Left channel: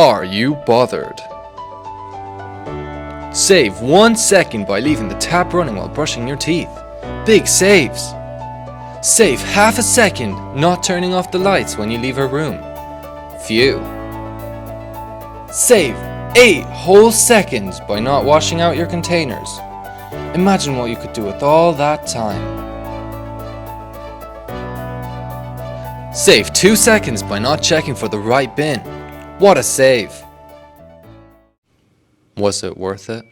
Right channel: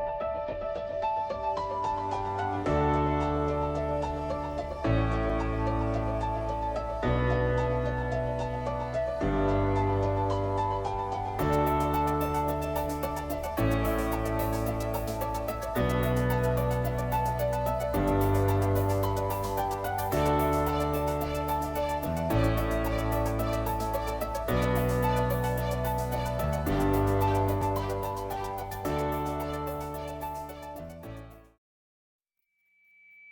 Are you bothered? Save 1 second by leaving the tap running while brushing your teeth. Big saves. Save half a second not turning off the lights when you leave a room. Phew. Save 8 whole seconds by not washing out your containers. Imagine what you could do with all that time. Save 2 seconds by not checking for the right bin. What a save! Was it worth it?